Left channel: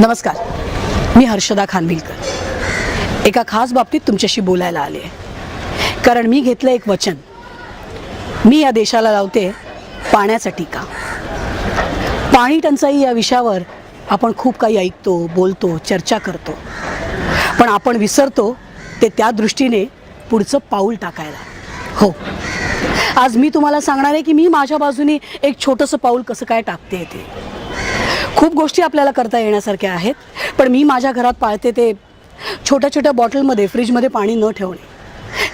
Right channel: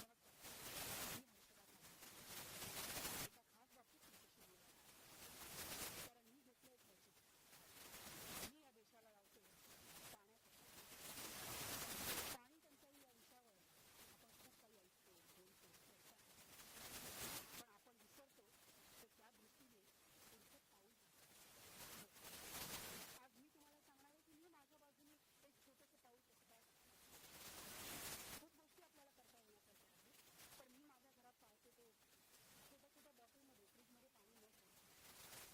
नमस्कार, मी हर्षदा खानविलकर एका खास बाबतीत तुमच्याशी बोलायला आले आहे. कारण मी घेतलं एक वचन. मी या देशाला लावते पाण्याचा टीका. पाणी टंचाई या विषयावर आपण खूप काही ऐकतो, बोलतो, चर्चा करतो, पण आपण विसरतो ते त्या दृष्टीने पुढचं पाऊल टाकायला. हो, आज मी तुम्हाला सांगणार आहे की मी माझ्या बाजूने एक छोटंसं पाऊल कसं काय टाकते. ते खूप गोष्टी आपल्याला करता येण्यासारख्या आहेत, पण मी माझ्या घरात पाळते ते छोट्या छोट्या बॉटलमध्ये फ्रीजमध्ये पाणी न ठेवणे.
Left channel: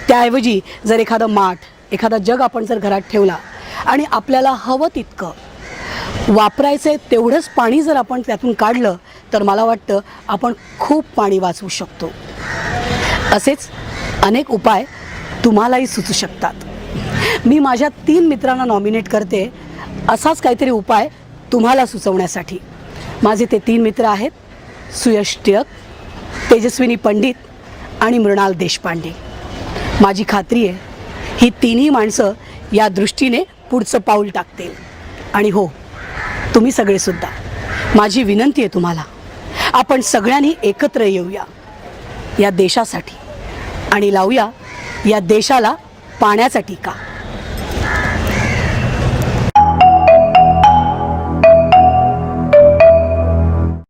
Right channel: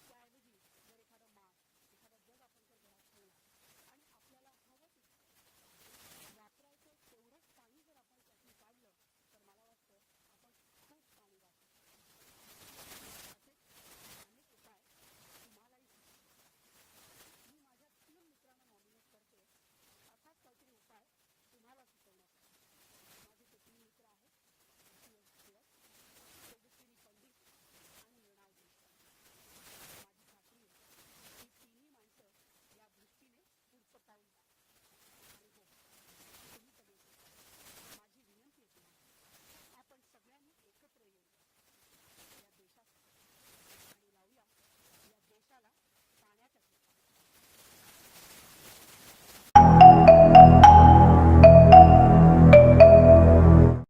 त्याऐवजी जर एखादं माठ, एखादा जग आपण जर घरात ठेवला आणि आपल्याला हवं तितकं वापरायचं आहे तेवढंच पाणी जर आपण त्यातून काढलं तर मला वाटतं आपण खूप पाणी वाचवू शकतो. असेच अनेक उपाय तुम्हालाही सुचू शकतात. मी माझ्या 3 मित्रांना नॉमिनेट करते असाच काहीतरी उपाय तुम्हाला सुचवण्यासाठी. माझे ते 3 मित्र आहेत सुयश टिळक, तेजस्विनी पंडित आणि मृणाल देशपांडे. माझी खात्री आहे ही तिन्ही माणसं या दृष्टीने पुढचं पाऊल टाकतील. आणि हो, तुम्ही सगळेसुद्धा. माझी विनंती आहे तुम्हाला, आपण सगळ्यांनी एकत्र येऊया या देशासाठी आणि लावूया या देशाला पाण्याचा टीका.